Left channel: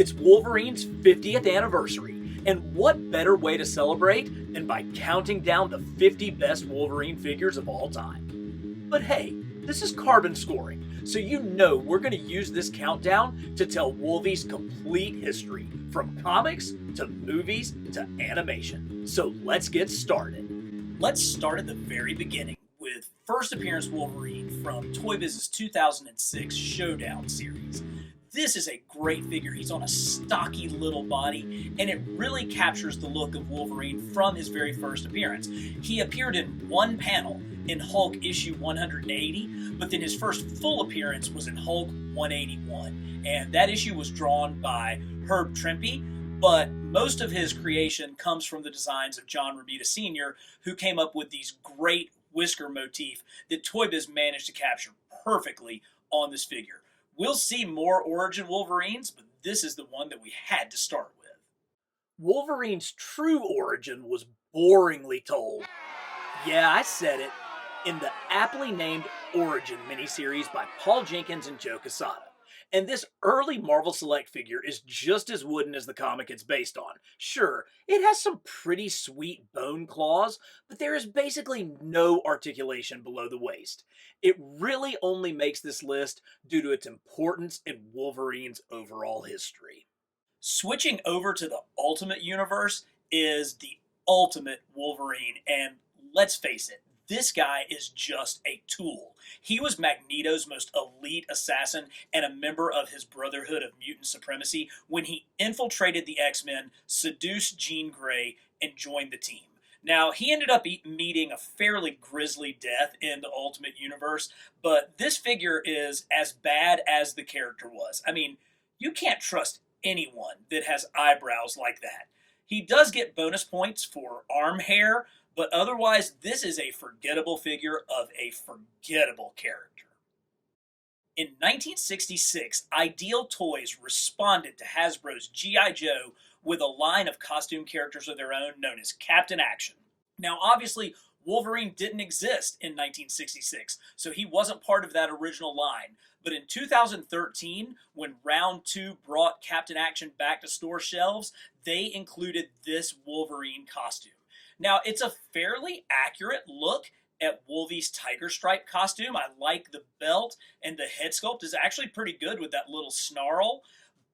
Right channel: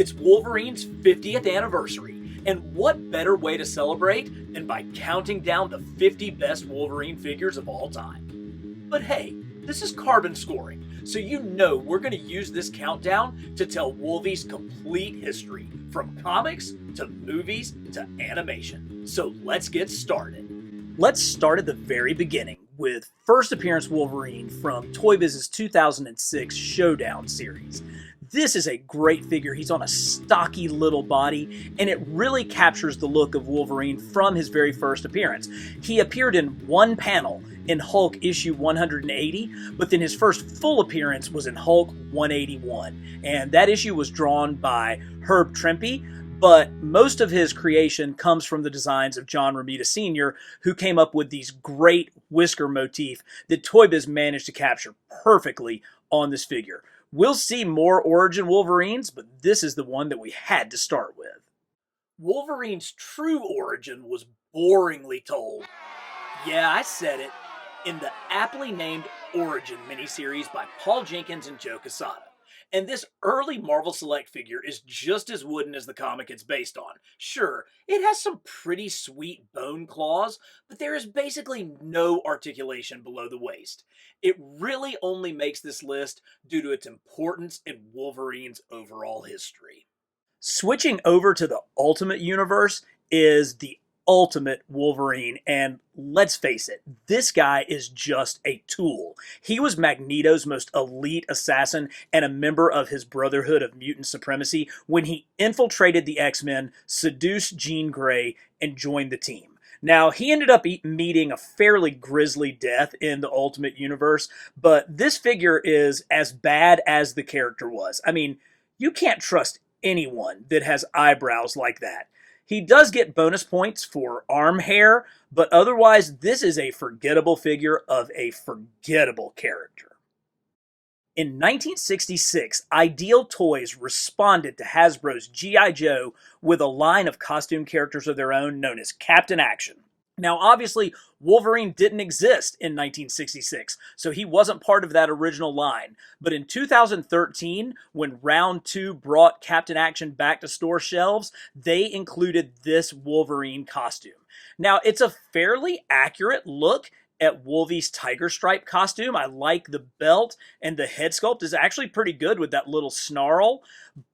It's Wolverine's 50th anniversary, and what better way to celebrate than by counting down the 50 best Wolverine figures of all time? But hey, this is carbon scoring, so you know we're going to use this countdown to tell Wolvie's complete history, from comics to movies to animation. So let's get started. Let's start at the very beginning with first appearance Wolverine from Toy Biz's 2006 Showdown series. This is a great figure. He's on a stocky little body, and it really captures the look of Wolverine from his very first appearance. He appeared in one panel in Hulk issue 180, but then his first full appearance was in Hulk 181, and that issue was drawn by Herb Trimpe, but most of his creation comes from the designs of John Romita Sr., who came up with these great whisker motif that Toy Biz managed to capture perfectly on this figure. We'll see more origin Wolverines, but this is the one that we had to start with. Wolverine's true origin was boringly told. Yeah, I said it. In the aptly named Origin miniseries by Paul Jenkins and Joe Quesada. And this early Marvel Select figure is just as wooden as the comic it's based on. Sure, it has some pretty sweet bone claws, but there is basically no articulation below the waist. It really only makes this list due to its importance in Wolverine's overall history. Switching over to the Ultimate Universe is the Ultimate Wolverine, and let's face it, this guy is just a tool. He was Magneto's most elite assassin and a member of his Brotherhood of Mutant Supremacy when he infiltrated the X-Men, seduced Jean Grey, and joined the team. Now, he ended up meeting a fairly grisly death in the Ultimate Universe, but this figure is as bad as the character was. I mean, you can't trust anyone that has eyebrows like that. He does get bonus points for arm hair, but otherwise this is a forgettable figure of a forgettable character. In 1966, Ideal Toys responded to Hasbro's G.I. Joe with a line of costume characters of their own known as Captain Action. Now, obviously, Wolverine didn't exist in 1966, so he wasn't part of that original line. But in 2013, when Round 2 brought Captain Action back to store shelves, they included this Wolverine costume. Now, it's a fairly accurate look at Wolvie's tiger stripe costume. I like the belt, and the head sculpt is actually pretty good with that little snarl,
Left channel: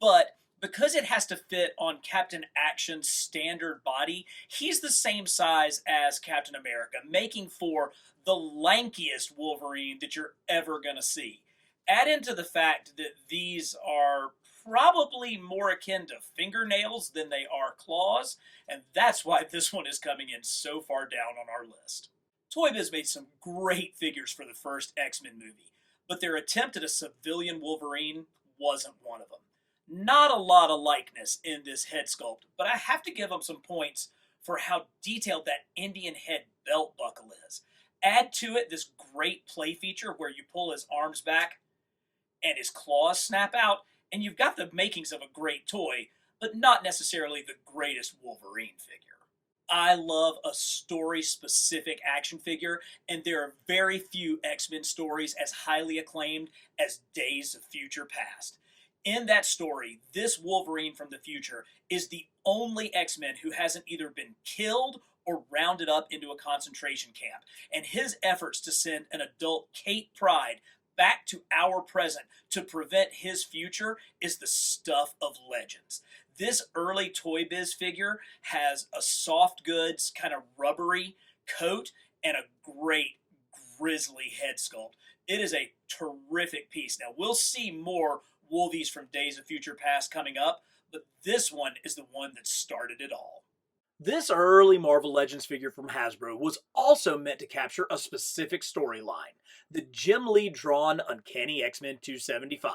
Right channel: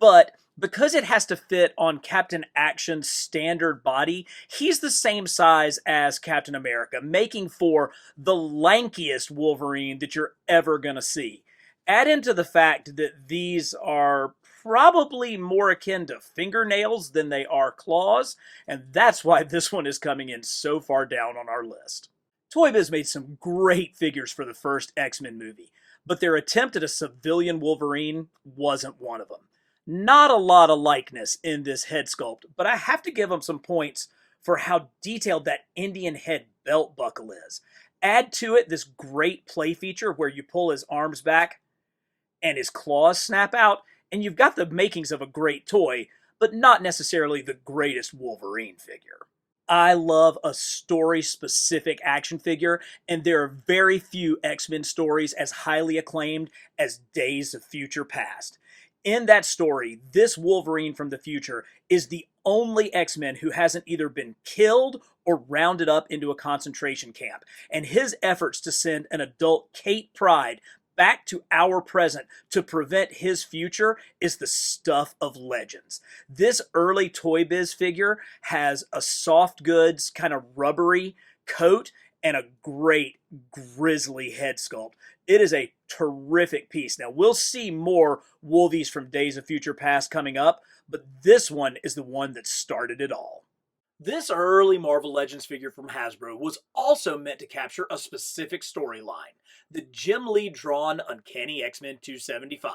but because it has to fit on Captain Action's standard body, he's the same size as Captain America, making for the lankiest Wolverine that you're ever going to see. Add into the fact that these are probably more akin to fingernails than they are claws, and that's why this one is coming in so far down on our list. Toy Biz made some great figures for the first X-Men movie, but their attempt at a civilian Wolverine wasn't one of them. Not a lot of likeness in this head sculpt, but I have to give him some points for how detailed that Indian head belt buckle is. Add to it this great play feature where you pull his arms back and his claws snap out, and you've got the makings of a great toy, but not necessarily the greatest Wolverine figure. I love a story-specific action figure, and there are very few X-Men stories as highly acclaimed as Days of Future Past. In that story, this Wolverine from the future is the only X-Men who hasn't either been killed or rounded up into a concentration camp, and his efforts to send an adult Kate Pryde back to our present to prevent his future is the stuff of legends. This early Toy Biz figure has a soft goods, kind of rubbery coat and a great grisly head sculpt. It is a terrific piece. Now, we'll see more Wolvies from Days of Future Past coming up, but this one is the one that started it all. This early Marvel Legends figure from Hasbro was also meant to capture a specific storyline, the Jim Lee drawn Uncanny X-Men 275.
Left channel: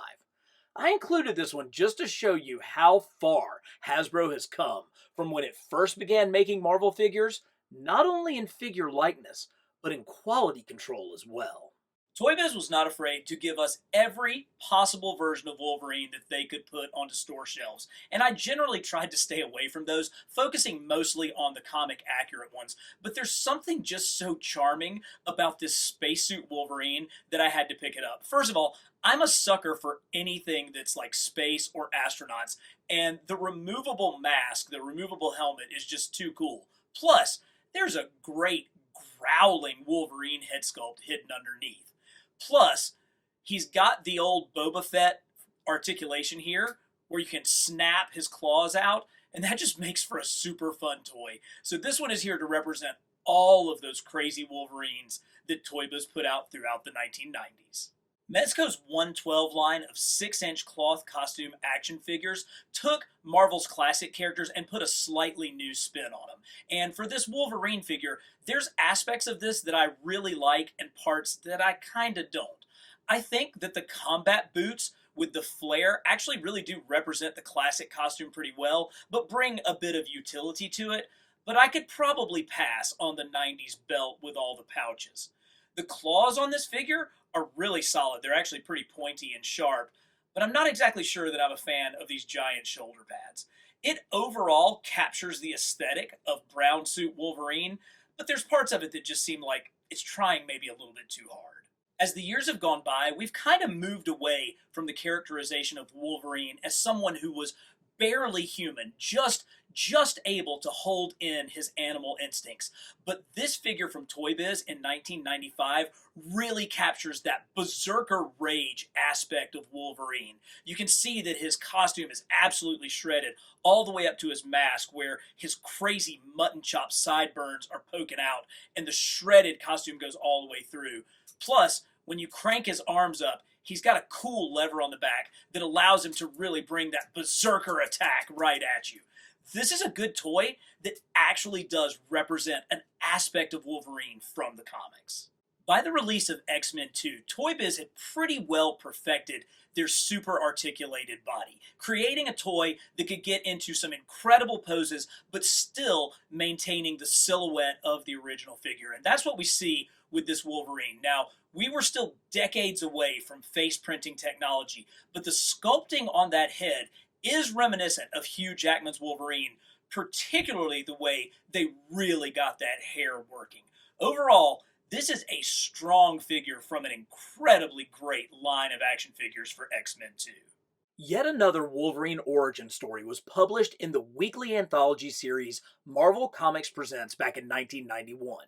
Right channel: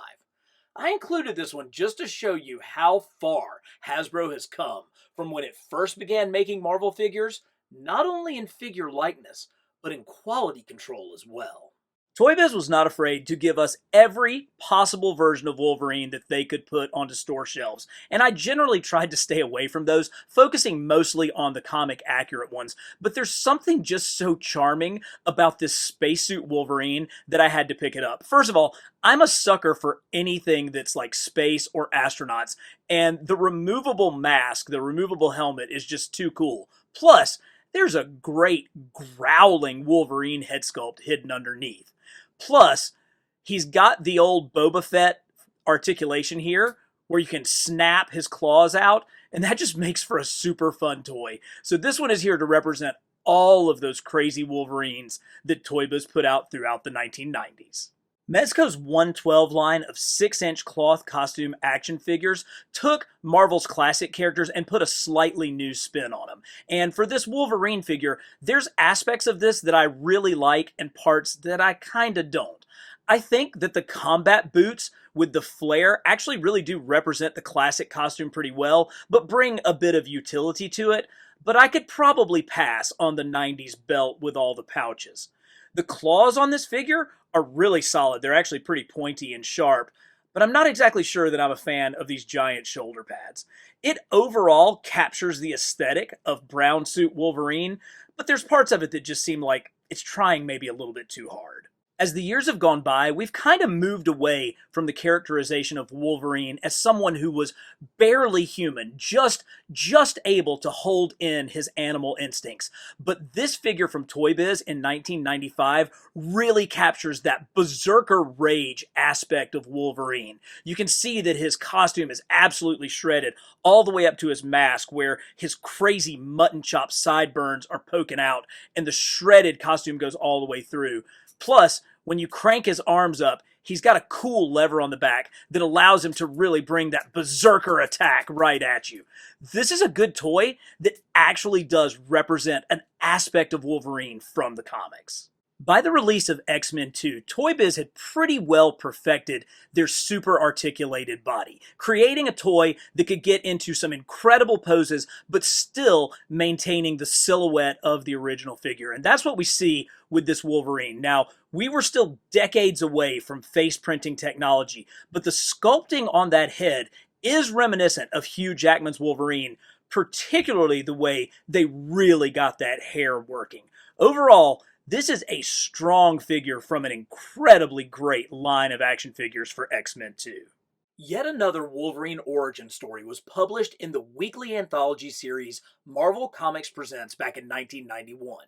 I included this one just to show you how far Hasbro has come from when it first began making Marvel figures, not only in figure likeness, but in quality control as well. Toy Biz was not afraid to give us every possible version of Wolverine that they could put onto store shelves, and I generally tried to stay away from those, focusing mostly on the comic accurate ones. But there's something just so charming about this spacesuit Wolverine that I had to pick it up. First of all, I'm a sucker for anything that's like space or astronauts, and the removable mask, the removable helmet is just too cool. Plus, there's a great growling Wolverine head sculpt hidden underneath. Plus, he's got the old Boba Fett articulation here where you can snap his claws out, and that just makes for a super fun toy. So this one is here to represent all of those crazy Wolverines that Toy Biz put out throughout the 1990s. Mezco's 112 line of 6-inch cloth costume action figures took Marvel's classic characters and put a slightly new spin on them. And for this Wolverine figure, there's aspects of this that I really like and parts that I kinda don't. I think that the combat boots with the flare actually really do represent the classic costume pretty well, but bring a bit of utility to it. But I could probably pass on the 90s belt with all the pouches. The claws on this figure are really solid. They're actually pretty pointy and sharp, but I'm not exactly sure that I'm a fan of these giant shoulder pads. It overall captures the aesthetic of brown suit Wolverine, but there's parts of it that just seem like it's trying maybe a little bit too hard. As the years have gone by, we've kind of moved away from the characterization of Wolverine as someone who was barely human, just able to hold in his animal instincts. But this figure from Toy Biz in 1995 really captures that berserker rage aspect of Wolverine. You can see that his costume is absolutely shredded all the way up to his mask, where his crazy mutton chop sideburns are poking out and the shredded costume goes all the way through. Plus, when you crank his arms up, he's got a cool lever on the back that allows him to really bring that berserker attack right at you. This is a good toy that actually does represent an aspect of Wolverine from the comics. By the release of X-Men 2, Toy Biz had pretty well perfected their super articulated body, creating a toy that could get into some incredible poses, but still maintaining the silhouette of the original figure. And that's what we see with this Wolverine. Now, we were still decades away from face printing technology, but the sculpting on that head is reminiscent of Hugh Jackman's Wolverine, particularly the way they really got that hair working. Overall, this is a strong figure from an incredibly great line of action figures for X-Men 2. Yet another Wolverine origin story was published in the weekly anthology series Marvel Comics Presents back in 1991.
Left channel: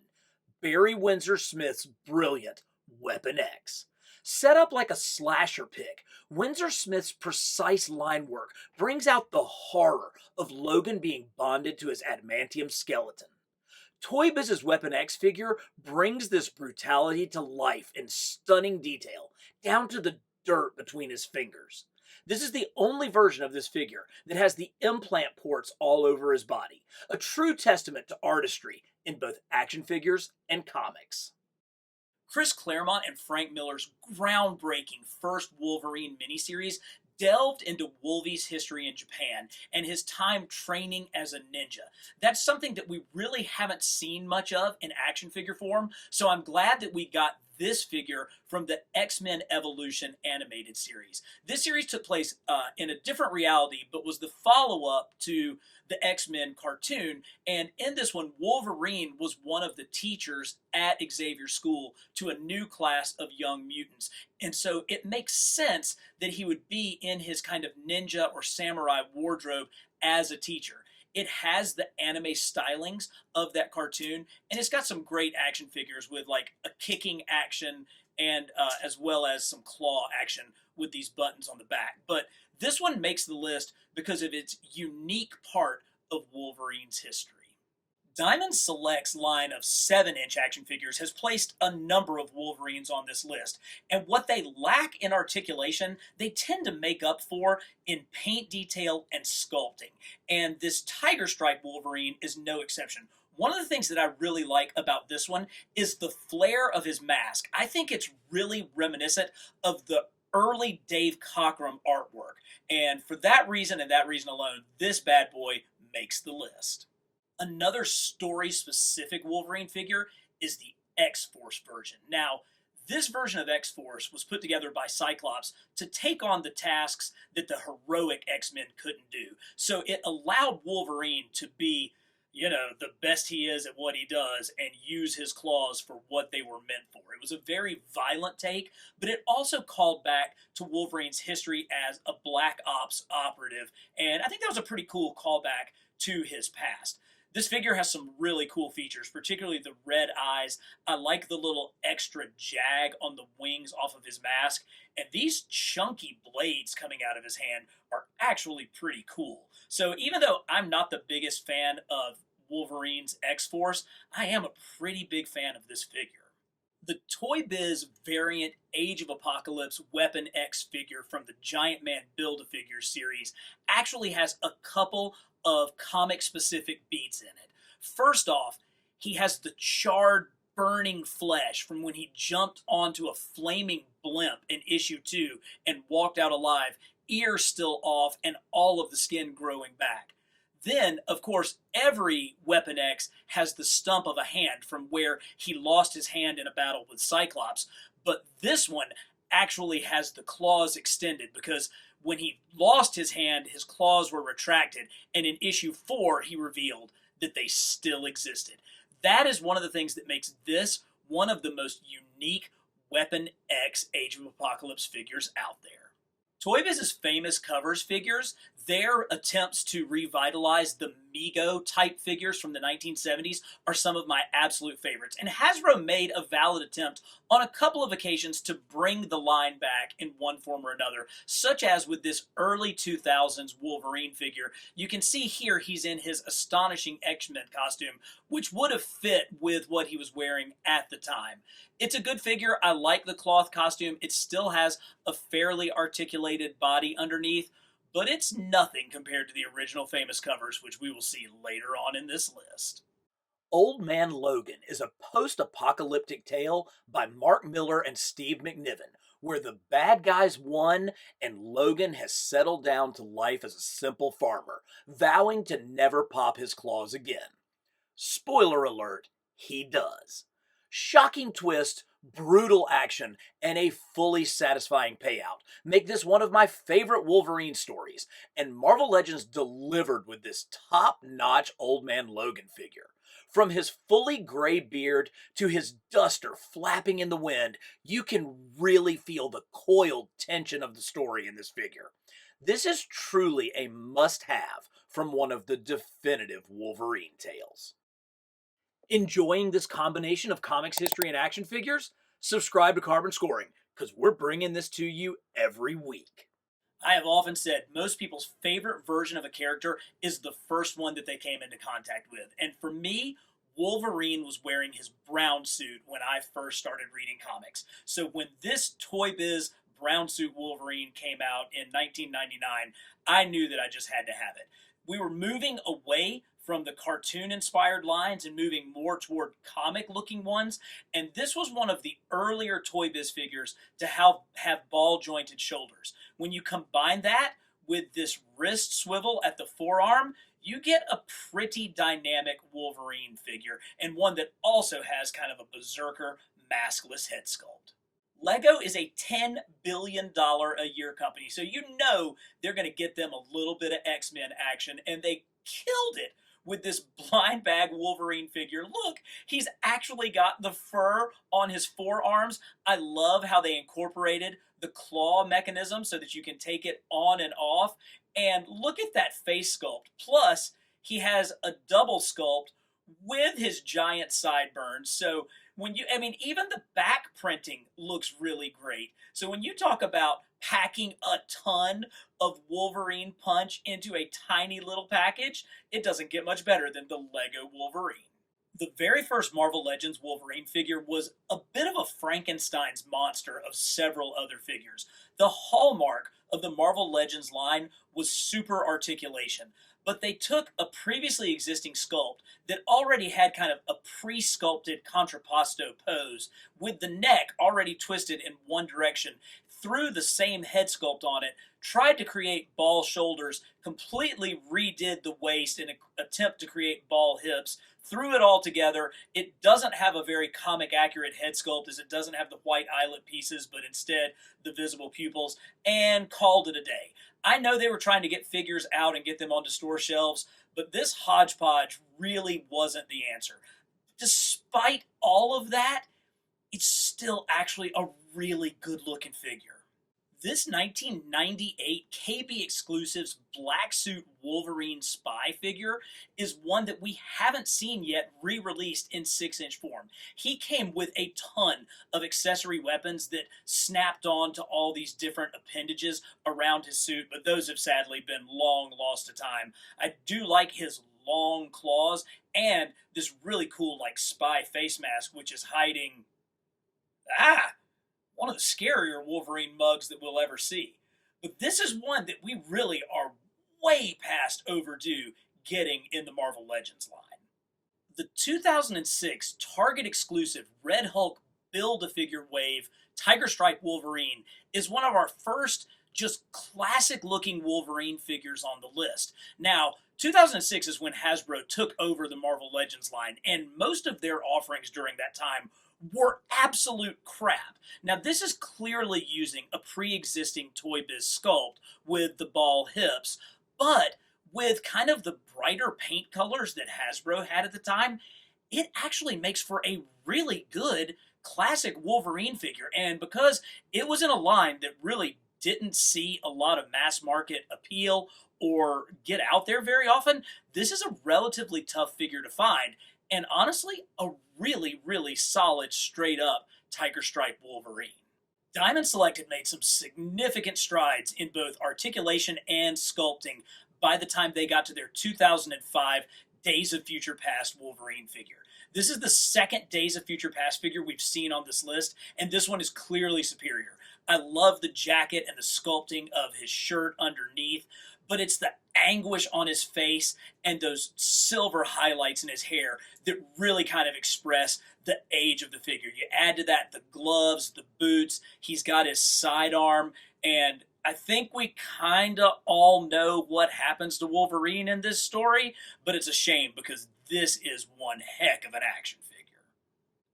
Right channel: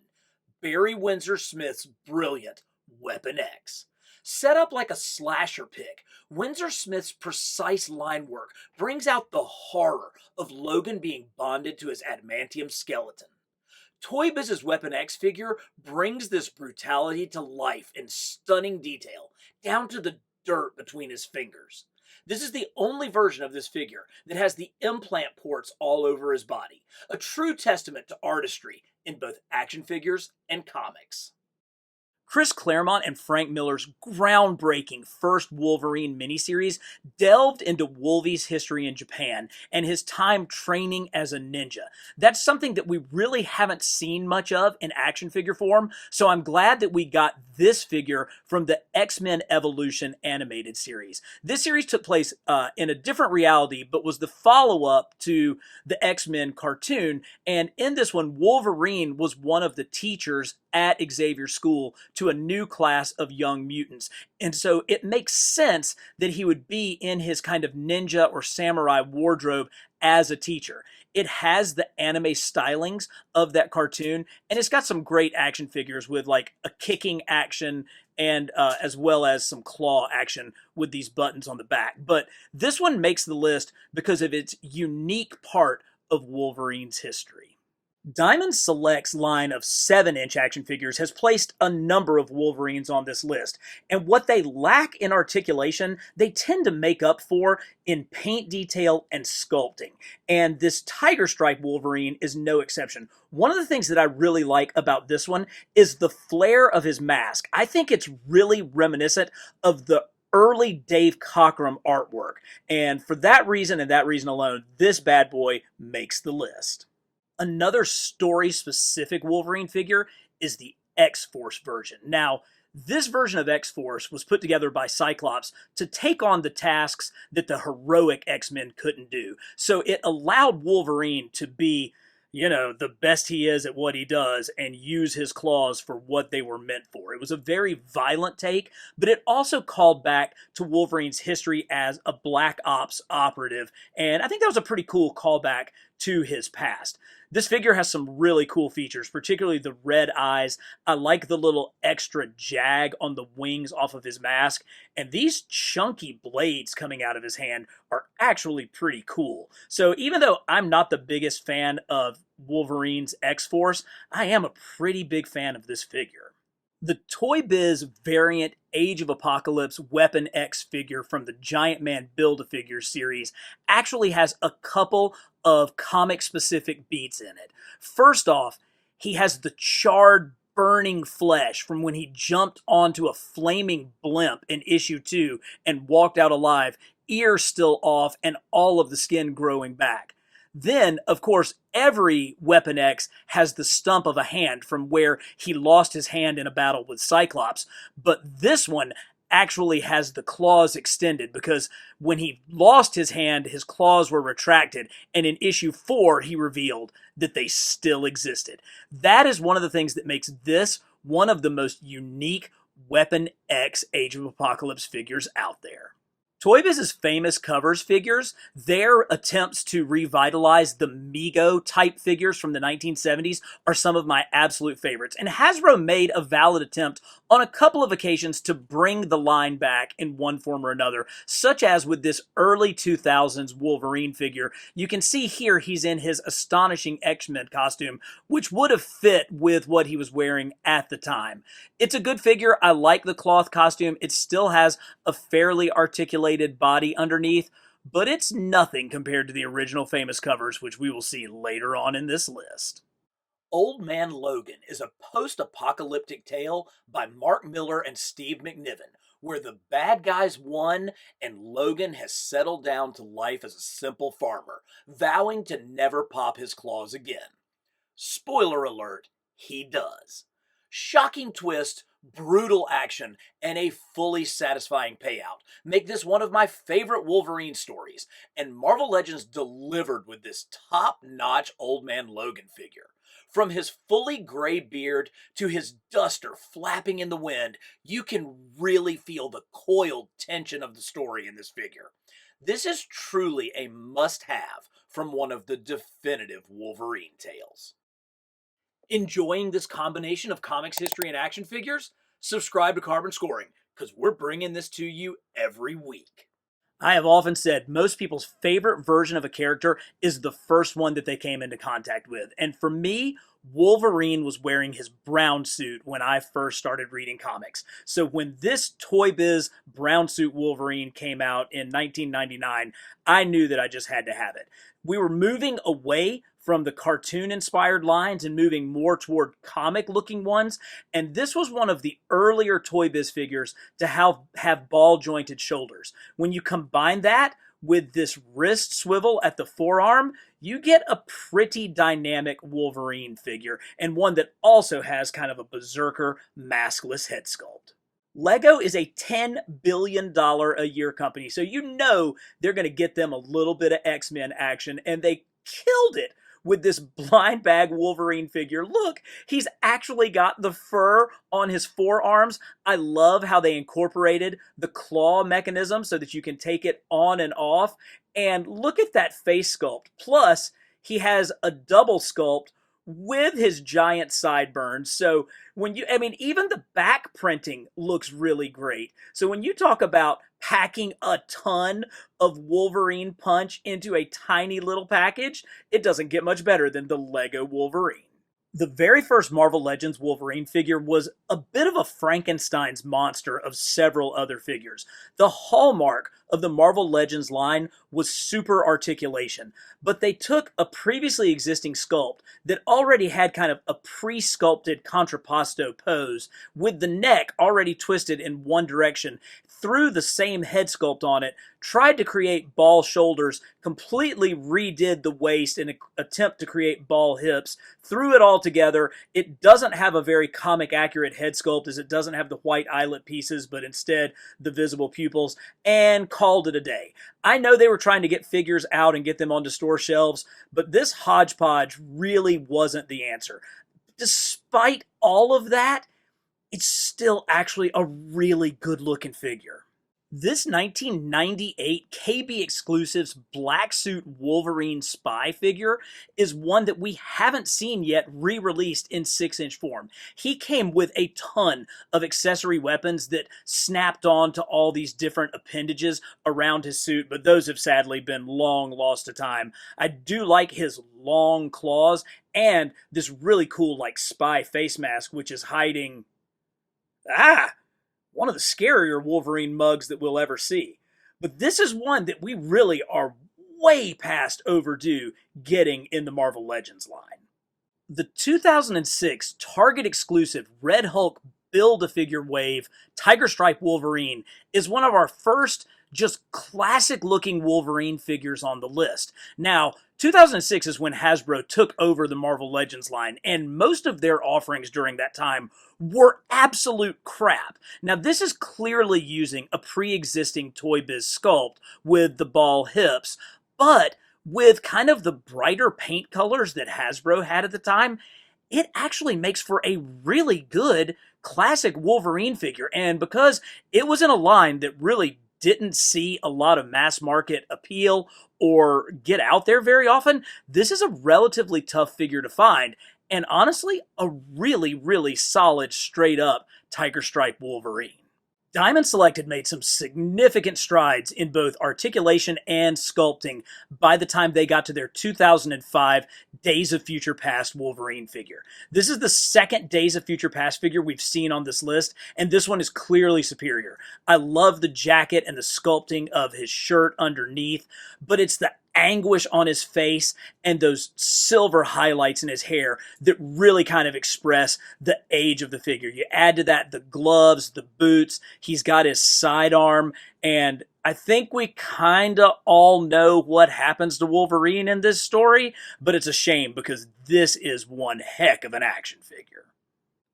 Barry Windsor Smith's brilliant Weapon X. Set up like a slasher pick, Windsor Smith's precise line work brings out the horror of Logan being bonded to his adamantium skeleton. Toy Biz's Weapon X figure brings this brutality to life in stunning detail, down to the dirt between his fingers. This is the only version of this figure that has the implant ports all over his body, a true testament to artistry in both action figures and comics. Chris Claremont and Frank Miller's groundbreaking first Wolverine miniseries delved into Wolvie's history in Japan and his time training as a ninja. That's something that we really haven't seen much of in action figure form, so I'm glad that we got this figure from the X-Men Evolution animated series. This series took place in a different reality, but was the follow-up to the X-Men cartoon, and in this one, Wolverine was one of the teachers at Xavier's school to a new class of young mutants. And so it makes sense that he would be in his kind of ninja or samurai wardrobe as a teacher. It has the anime stylings of that cartoon, and it's got some great action figures with like a kicking action and as well as some claw action with these buttons on the back. But this one makes the list because of its unique part of Wolverine's history. Diamond Select's line of 7-inch action figures has placed a number of Wolverines on this list, and what they lack in articulation, they tend to make up for in paint detail and sculpting. And this Tiger Stripe Wolverine is no exception. One of the things that I really like about this one is the flare of his mask. I think it's really reminiscent of the early Dave Cockrum artwork, and for that reason and that reason alone, this bad boy makes the list. Another story-specific Wolverine figure is the X-Force version. Now, This version of X-Force was put together by Cyclops to take on the tasks that the heroic X-Men couldn't do. So it allowed Wolverine to be, the best he is at what he does and use his claws for what they were meant for. It was a very violent take, but it also called back to Wolverine's history as a Black Ops operative, and I think that was a pretty cool callback to his past. This figure has some really cool features, particularly the red eyes. I like the little extra jag on the wings off of his mask, and these chunky blades coming out of his hand are actually pretty cool. So even though I'm not the biggest fan of Wolverine's X-Force, I am a pretty big fan of this figure. The Toy Biz variant Age of Apocalypse Weapon X figure from the Giant Man Build-A-Figure series actually has a couple of comic-specific beats in it. First off, he has the charred, burning flesh from when he jumped onto a flaming blimp in issue 2 and walked out alive, ears still off and all of the skin growing back. Then, of course, every Weapon X has the stump of a hand from where he lost his hand in a battle with Cyclops, but this one actually has the claws extended because when he lost his hand, his claws were retracted, and in issue 4, he revealed that they still existed. That is one of the things that makes this one of the most unique Weapon X Age of Apocalypse figures out there. Toy Biz's famous covers figures, their attempts to revitalize the Mego type figures from the 1970s are some of my absolute favorites. And Hasbro made a valid attempt on a couple of occasions to bring the line back in one form or another, such as with this early 2000s Wolverine figure. You can see here he's in his astonishing X-Men costume, which would have fit with what he was wearing at the time. It's a good figure. I like the cloth costume. It still has a fairly articulated body underneath, but it's nothing compared to the original famous covers, which we will see later on in this list. Old Man Logan is a post-apocalyptic tale by Mark Miller and Steve McNiven, where the bad guys won and Logan has settled down to life as a simple farmer, vowing to never pop his claws again. Spoiler alert, he does. Shocking twist, brutal action, and a fully satisfying payout make this one of my favorite Wolverine stories, and Marvel Legends delivered with this top-notch Old Man Logan figure. From his fully gray beard to his duster flapping in the wind, you can really feel the coiled tension of the story in this figure. This is truly a must-have from one of the definitive Wolverine tales. Enjoying this combination of comics history and action figures? Subscribe to Carbon Scoring, because we're bringing this to you every week. I have often said most people's favorite version of a character is the first one that they came into contact with. And for me, Wolverine was wearing his brown suit when I first started reading comics. So when this Toy Biz brown suit Wolverine came out in 1999, I knew that I just had to have it. We were moving away from the cartoon-inspired lines and moving more toward comic-looking ones, and this was one of the earlier Toy Biz figures to have ball-jointed shoulders. When you combine that with this wrist swivel at the forearm, you get a pretty dynamic Wolverine figure, and one that also has kind of a berserker, maskless head sculpt. Lego is a $10 billion a year company, so you know they're going to get them a little bit of X-Men action, and they killed it with this blind bag Wolverine figure. Look, he's actually got the fur on his forearms. I love how they incorporated the claw mechanism so that you can take it on and off. And look at that face sculpt. Plus, he has a double sculpt with his giant sideburns. So even the back printing looks really great. So when you talk about packing a ton of Wolverine punch into a tiny little package, it doesn't get much better than the Lego Wolverine. The very first Marvel Legends Wolverine figure was a bit of a Frankenstein's monster of several other figures. The hallmark of the Marvel Legends line was super articulation, but they took a previously existing sculpt that already had kind of a pre-sculpted contrapposto pose with the neck already twisted in one direction, threw the same head sculpt on it, tried to create ball shoulders, completely redid the waist in an attempt to create ball hips, threw it all together. It doesn't have a very comic accurate head sculpt, as it doesn't have the white eyelet pieces, but instead the visible pupils, and called it a day. I know they were trying to get figures out and get them onto store shelves, but this hodgepodge really wasn't the answer. Despite all of that, it's still actually a really good looking figure. This 1998 KB Exclusives Black Suit Wolverine Spy figure is one that we haven't seen yet re-released in 6-inch form. He came with a ton of accessory weapons that snapped on to all these different appendages around his suit, but those have sadly been long lost to time. I do like his long claws and this really cool like spy face mask, which is hiding one of the scarier Wolverine mugs that we'll ever see. But this is one that we really are way past overdue getting in the Marvel Legends line. The 2006 Target exclusive Red Hulk Build-A-Figure Wave Tiger Stripe Wolverine is one of our first just classic looking Wolverine figures on the list. Now, 2006 is when Hasbro took over the Marvel Legends line, and most of their offerings during that time were absolute crap. Now, this is clearly using a pre-existing Toy Biz sculpt with the ball hips, but with kind of the brighter paint colors that Hasbro had at the time, it actually makes for a really good classic Wolverine figure. And because it was in a line that really didn't see a lot of mass market appeal or get out there very often, this is a relatively tough figure to find. And honestly, a really, really solid, straight up Tiger Stripe Wolverine. Diamond Select had made some significant strides in both articulation and sculpting by the time they got to their 2005 Days of Future Past Wolverine figure. This is the second Days of Future Past figure we've seen on this list, and this one is clearly superior. I love the jacket and the sculpting of his shirt underneath, but it's the anguish on his face and those silver highlights in his hair that really kind of express the age of the figure. You add to that the gloves, the boots, he's got his sidearm, and I think we kind of all know what happens to Wolverine in this story, but it's a shame because this is one heck of an action figure.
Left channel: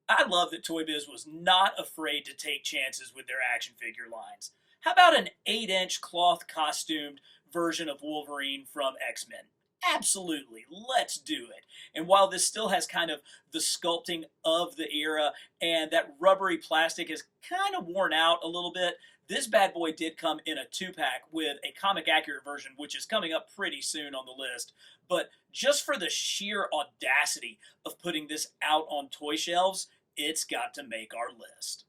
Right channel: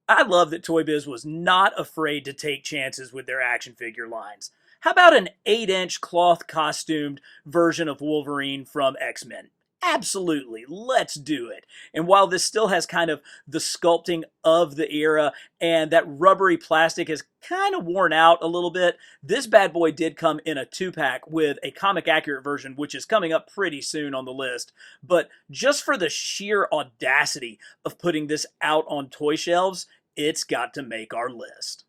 I love that Toy Biz was not afraid to take chances with their action figure lines. How about an 8-inch cloth costumed version of Wolverine from X-Men? Absolutely, let's do it. And while this still has kind of the sculpting of the era and that rubbery plastic is kind of worn out a little bit, this bad boy did come in a 2-pack with a comic accurate version, which is coming up pretty soon on the list. But just for the sheer audacity of putting this out on toy shelves, it's got to make our list.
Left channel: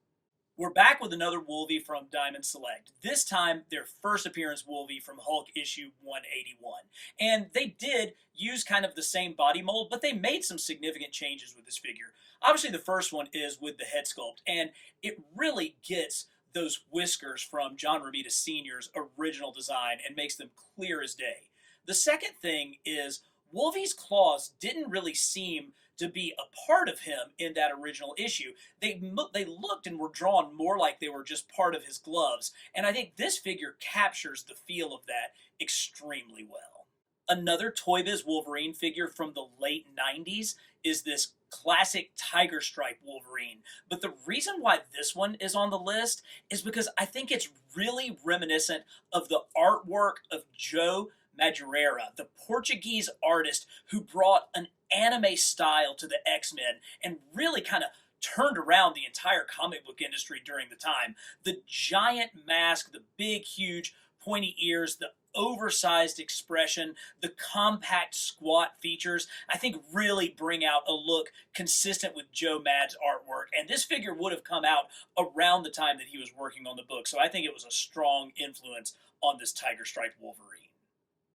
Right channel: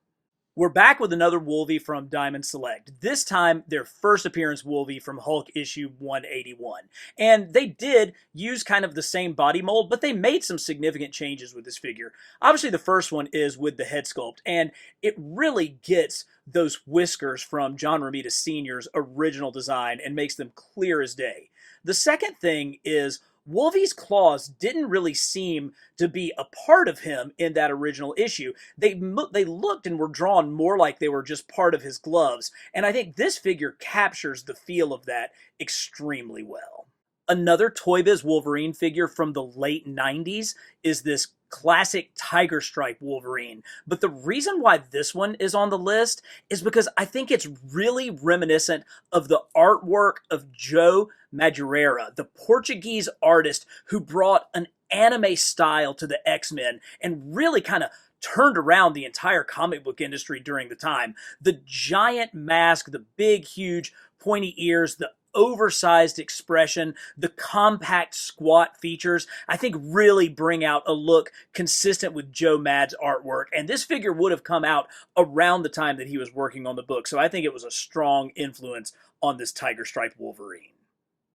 We're back with another Wolvie from Diamond Select. This time, their first appearance Wolvie from Hulk issue 181. And they did use kind of the same body mold, but they made some significant changes with this figure. Obviously, the first one is with the head sculpt, and it really gets those whiskers from John Romita Sr.'s original design and makes them clear as day. The second thing is Wolvie's claws didn't really seem to be a part of him in that original issue. They looked and were drawn more like they were just part of his gloves, and I think this figure captures the feel of that extremely well. Another Toy Biz Wolverine figure from the late 90s is this classic Tiger Stripe Wolverine. But the reason why this one is on the list is because I think it's really reminiscent of the artwork of Joe Madureira, the Portuguese artist who brought an anime style to the X-Men and really kind of turned around the entire comic book industry during the time. The giant mask, the big, huge, pointy ears, the oversized expression, the compact squat features, I think really bring out a look consistent with Joe Mad's artwork. And this figure would have come out around the time that he was working on the book. So I think it was a strong influence on this Tiger Stripe Wolverine.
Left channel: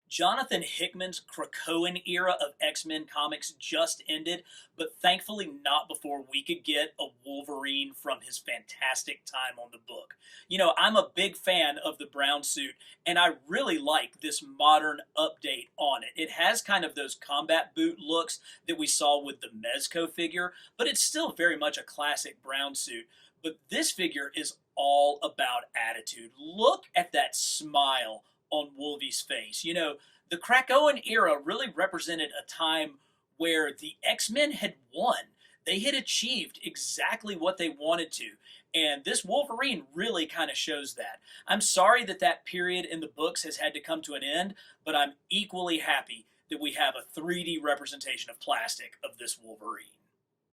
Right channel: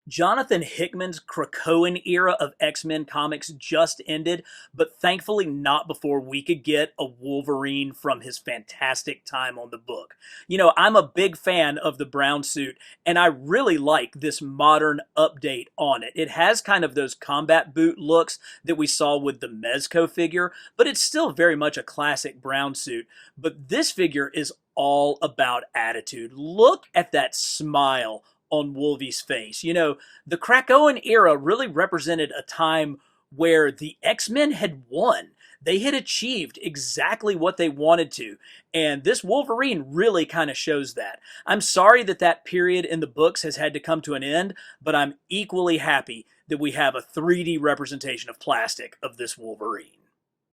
Jonathan Hickman's Krakoan era of X-Men comics just ended, but thankfully not before we could get a Wolverine from his fantastic time on the book. You know, I'm a big fan of the brown suit, and I really like this modern update on it. It has kind of those combat boot looks that we saw with the Mezco figure, but it's still very much a classic brown suit. But this figure is all about attitude. Look at that smile on Wolvie's face. You know, the Krakoan era really represented a time where the X-Men had won. They had achieved exactly what they wanted to. And this Wolverine really kind of shows that. I'm sorry that that period in the books has had to come to an end, but I'm equally happy that we have a 3D representation of plastic of this Wolverine.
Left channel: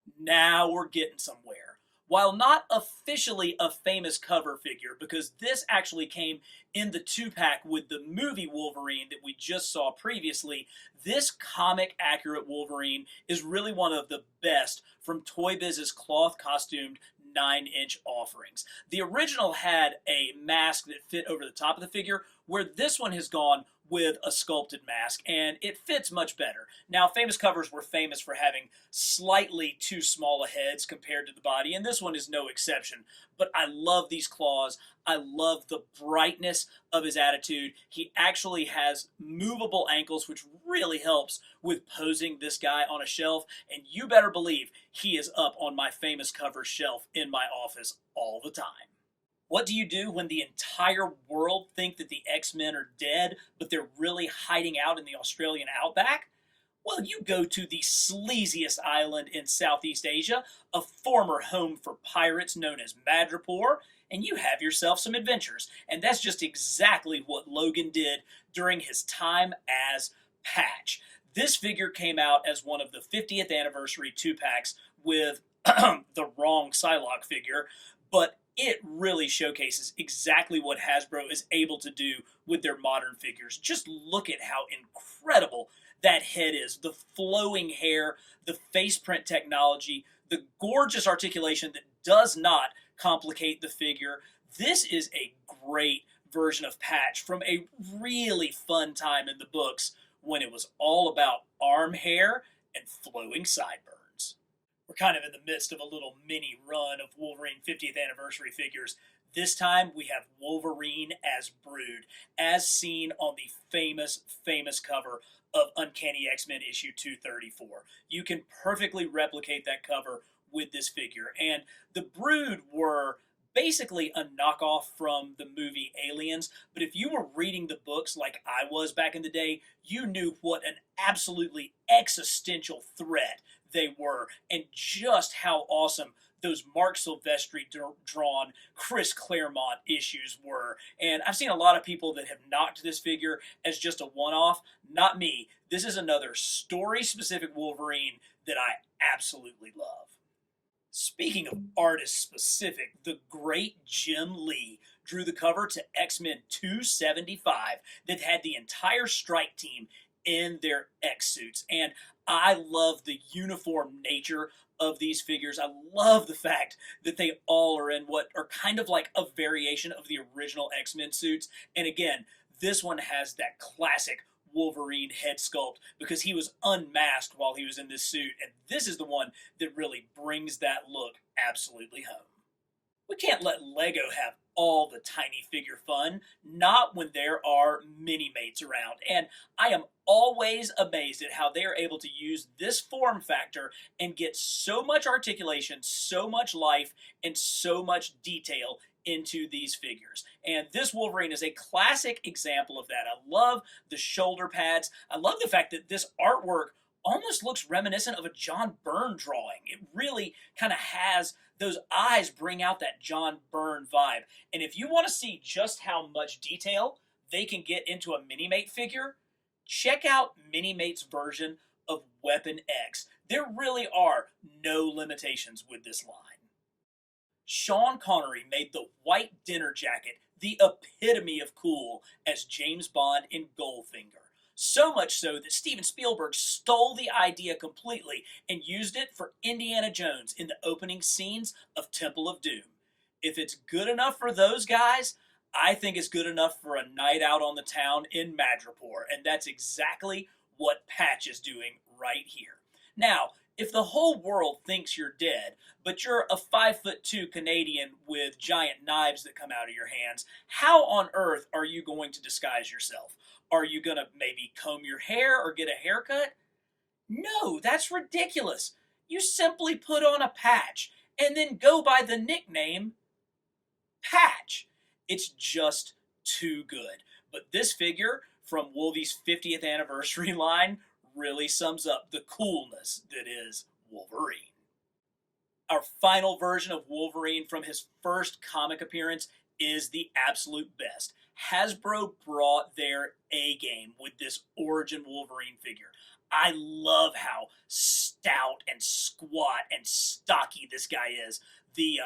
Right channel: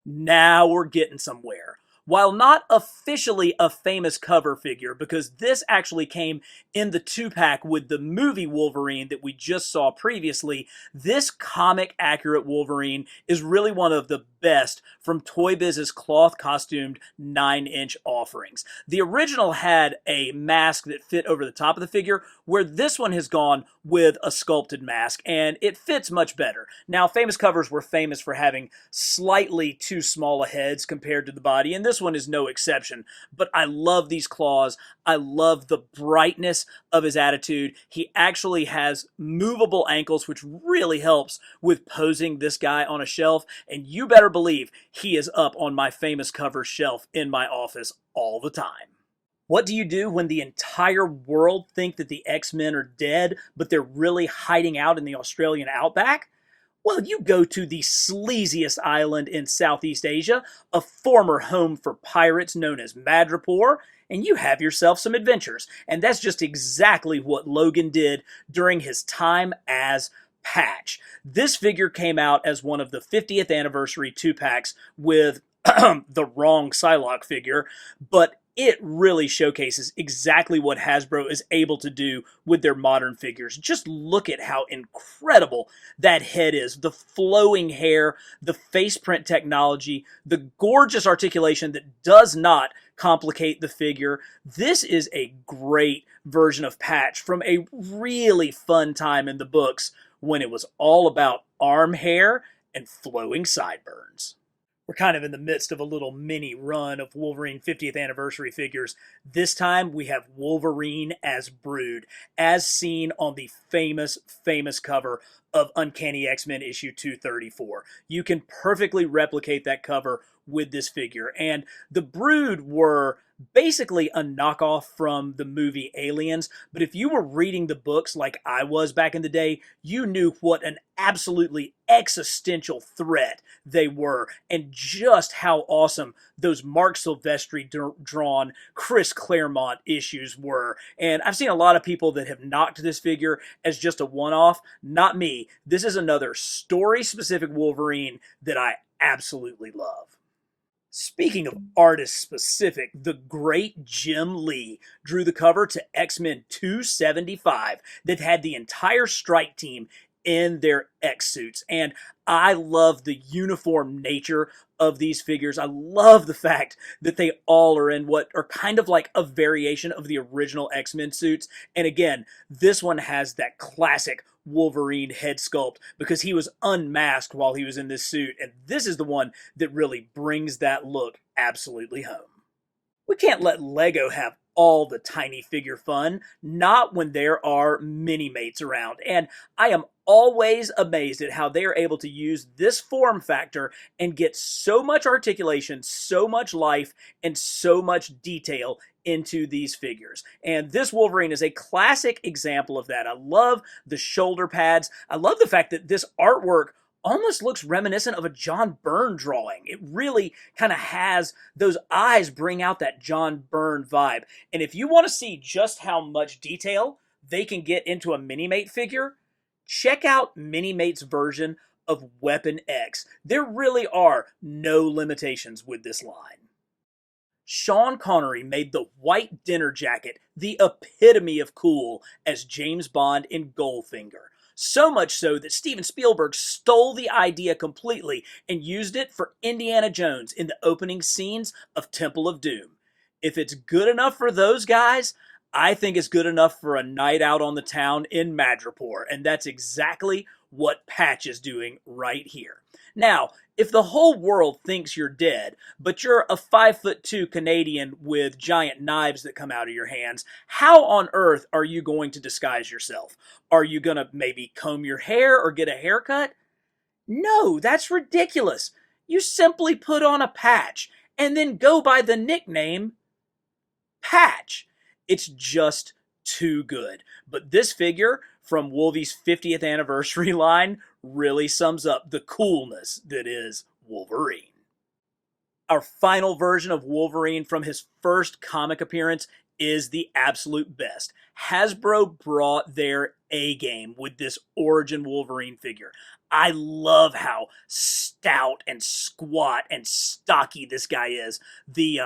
Now we're getting somewhere. While not officially a famous cover figure, because this actually came in the 2-pack with the movie Wolverine that we just saw previously, this comic-accurate Wolverine is really one of the best from Toy Biz's cloth-costumed 9-inch offerings. The original had a mask that fit over the top of the figure, where this one has gone with a sculpted mask, and it fits much better. Now, famous covers were famous for having slightly too small a heads compared to the body, and this one is no exception. But I love these claws. I love the brightness of his attitude. He actually has movable ankles, which really helps with posing this guy on a shelf, and you better believe he is up on my famous covers shelf in my office all the time. What do you do when the entire world think that the X-Men are dead, but they're really hiding out in the Australian outback? Well, you go to the sleaziest island in Southeast Asia, a former home for pirates known as Madripoor, and you have yourself some adventures. And that's just exactly what Logan did during his time as Patch. This figure came out as one of the 50th anniversary 2-packs with the wrong Psylocke figure, but it really showcases exactly what Hasbro is able to do with their modern figures. Just look at how incredible that head is. The flowing hair, the face print technology, the gorgeous articulation that does not complicate the figure. This is a great version of Patch from a really fun time in the books when it was all about arm hair and flowing sideburns. We're kind of in the midst of a little mini run of Wolverine 50th anniversary figures. This time we have Wolverine as Brood, as seen on the famous cover of Uncanny X-Men issue 234. You can perfectly replicate that cover with this figure. And the Brood were basically a knockoff from the movie Aliens, but if you were reading the books like I was back in the day, you knew what an absolutely existential threat they were, and just how awesome those Mark Silvestri drawn Chris Claremont issues were. And I've seen a lot of people that have knocked this figure as just a one-off. Not me. This is another story-specific Wolverine that I absolutely love. Speaking of artist specific, the great Jim Lee drew the cover to X-Men 275 that had the entire strike team in their X suits. And I love the uniform nature of these figures. I love the fact that they all are in what are kind of like a variation of the original X-Men suits. And again, this one has that classic Wolverine head sculpt because he was unmasked while he was in this suit, and this is the one that really brings that look absolutely home. We can't let Lego have all the tiny figure fun, not when there are mini-mates around, and I am always amazed at how they are able to use this form factor and get so much articulation, so much life, and so much detail into these figures. And this Wolverine is a classic example of that. I love the shoulder pads. I love the fact that this artwork almost looks reminiscent of a John Byrne drawing. It really kind of has those eyes bring out that John Byrne vibe. And if you want to see just how much detail they can get into a Mini-Mate figure, check out Mini-Mate's version of Weapon X. There really are no limitations with this line. Sean Connery made the white dinner jacket the epitome of cool as James Bond in Goldfinger. So much so that Steven Spielberg stole the idea completely and used it for Indiana Jones in the opening scenes of Temple of Doom. If it's good enough for those guys, I think it's good enough for a night out on the town in Madripoor, and that's exactly what Patch is doing right here. Now, if the whole world thinks you're dead, but you're a 5'2" Canadian with giant knives that come out of your hands, how on earth are you going to disguise yourself? Are you going to maybe comb your hair or get a haircut? No, that's ridiculous. You simply put on a patch and then go by the nickname Patch. It's just too good. But this figure from Wolvie's 50th anniversary line really sums up the coolness that is Wolverine. Our final version of Wolverine from his first comic appearance is the absolute best. Hasbro brought their A game with this Origin Wolverine figure. I love how stout and squat and stocky this guy is. The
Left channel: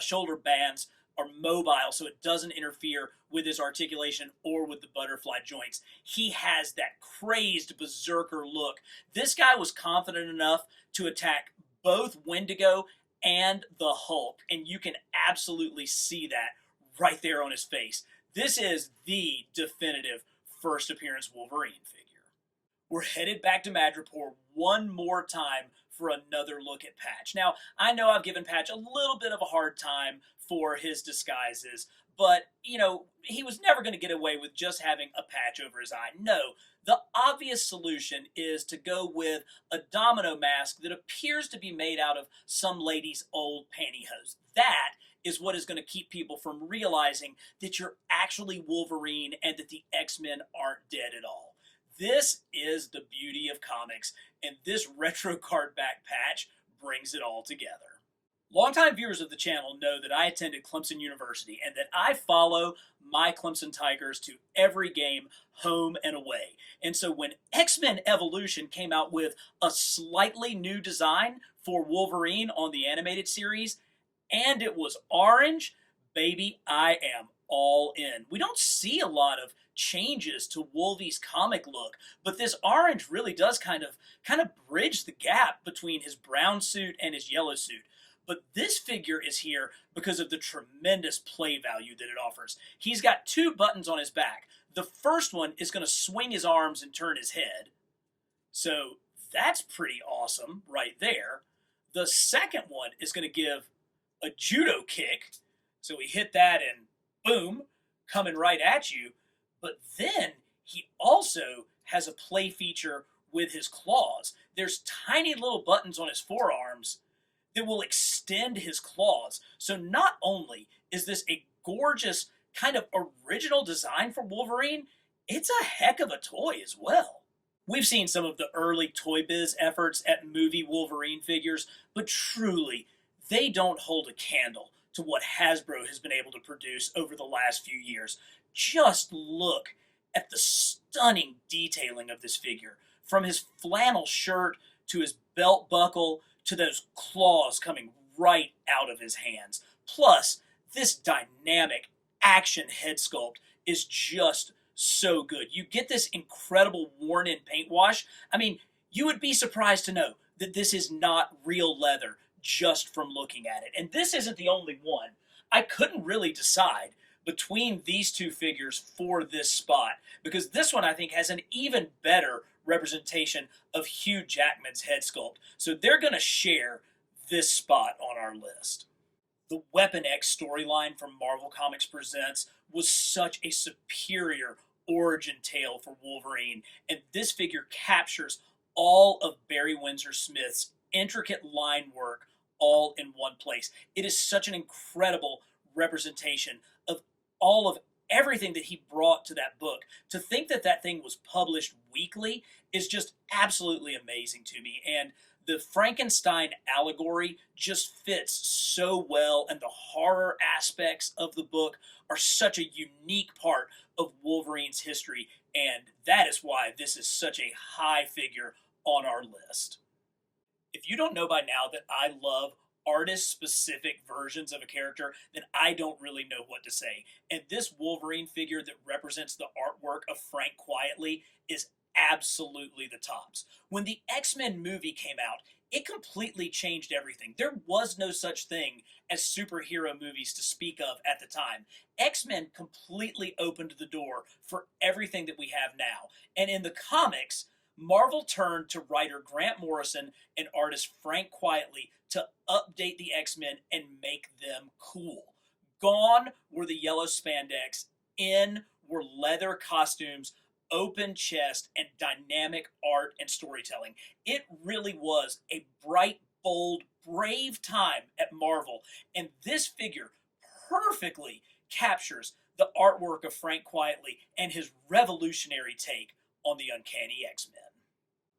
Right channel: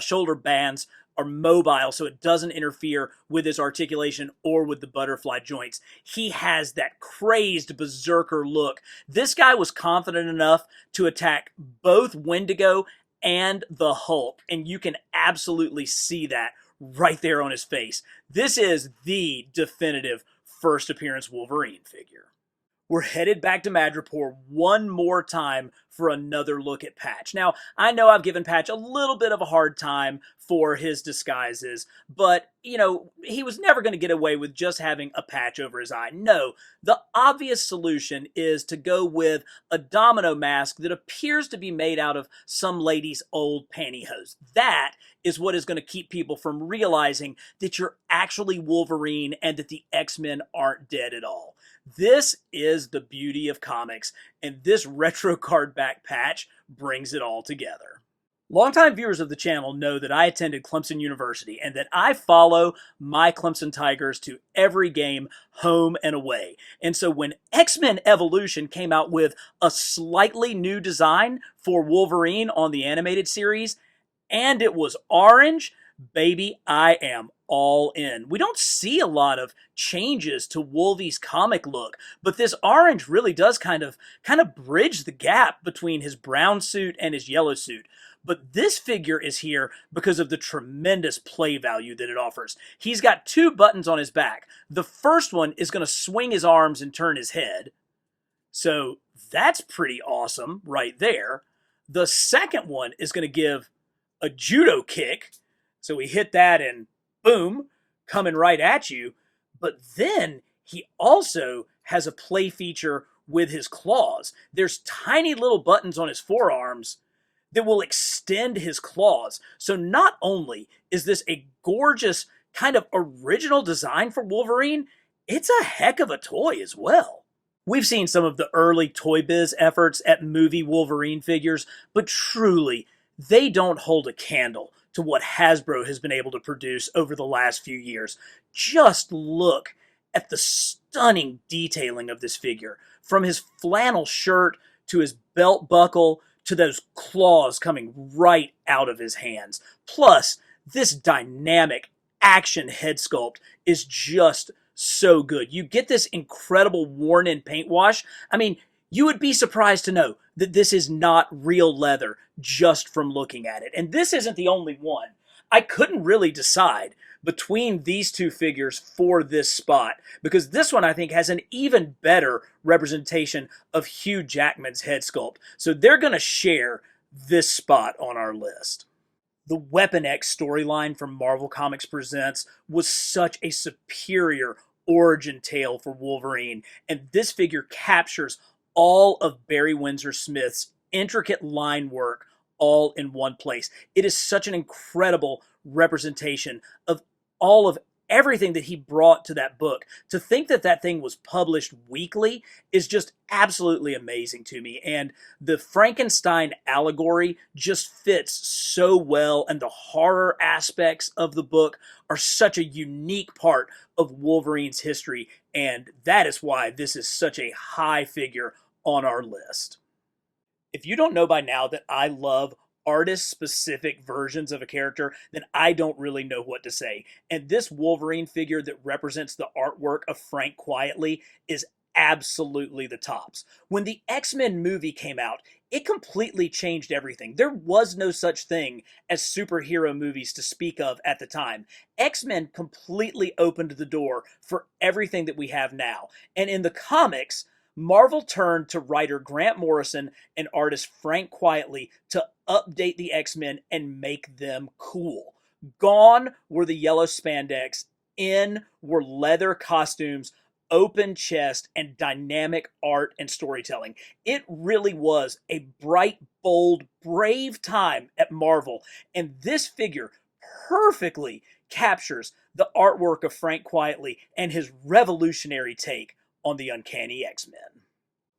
shoulder bands are mobile, so it doesn't interfere with his articulation or with the butterfly joints. He has that crazed berserker look. This guy was confident enough to attack both Wendigo and the Hulk, and you can absolutely see that right there on his face. This is the definitive first appearance Wolverine figure. We're headed back to Madripoor one more time for another look at Patch. Now, I know I've given Patch a little bit of a hard time for his disguises, but, you know, he was never going to get away with just having a patch over his eye. No, the obvious solution is to go with a domino mask that appears to be made out of some lady's old pantyhose. That is what is going to keep people from realizing that you're actually Wolverine and that the X-Men aren't dead at all. This is the beauty of comics, and this retro card back Patch brings it all together. Longtime viewers of the channel know that I attended Clemson University and that I follow my Clemson Tigers to every game, home and away. And so when X-Men Evolution came out with a slightly new design for Wolverine on the animated series, and it was orange, baby, I am all in. We don't see a lot of changes to Wolvie's comic look, but this orange really does kind of bridge the gap between his brown suit and his yellow suit. But this figure is here because of the tremendous play value that it offers. He's got two buttons on his back. The first one is going to swing his arms and turn his head. So that's pretty awesome right there. The second one is going to give a judo kick. So we hit that and boom, coming right at you. But then he also has a play feature with his claws. There's tiny little buttons on his forearms that will extend his claws. So not only is this a gorgeous kind of original design for Wolverine, it's a heck of a toy as well. We've seen some of the early Toy Biz efforts at movie Wolverine figures, but truly, they don't hold a candle to what Hasbro has been able to produce over the last few years. Just look at the stunning detailing of this figure, from his flannel shirt to his belt buckle to those claws coming right out of his hands. Plus, this dynamic action head sculpt is just so good. You get this incredible worn-in paint wash. I mean, you would be surprised to know that this is not real leather just from looking at it. And this isn't the only one. I couldn't really decide between these two figures for this spot, because this one I think has an even better representation of Hugh Jackman's head sculpt. So they're going to share this spot on our list. The Weapon X storyline from Marvel Comics Presents was such a superior origin tale for Wolverine, and this figure captures all of Barry Windsor Smith's intricate line work all in one place. It is such an incredible representation of all of everything that he brought to that book. To think that that thing was published weekly is just absolutely amazing to me. And the Frankenstein allegory just fits so well, and the horror aspects of the book are such a unique part of Wolverine's history, and that is why this is such a high figure on our list. If you don't know by now that I love artist-specific versions of a character, then I don't really know what to say. And this Wolverine figure that represents the artwork of Frank Quietly is absolutely the tops. When the X-Men movie came out, it completely changed everything. There was no such thing as superhero movies to speak of at the time. X-Men completely opened the door for everything that we have now. And in the comics, Marvel turned to writer Grant Morrison and artist Frank Quietly to update the X-Men and make them cool. Gone were the yellow spandex, in were leather costumes, open chest, and dynamic art and storytelling. It really was a bright, bold, brave time at Marvel, and this figure perfectly captures the artwork of Frank Quietly and his revolutionary take on the Uncanny X-Men.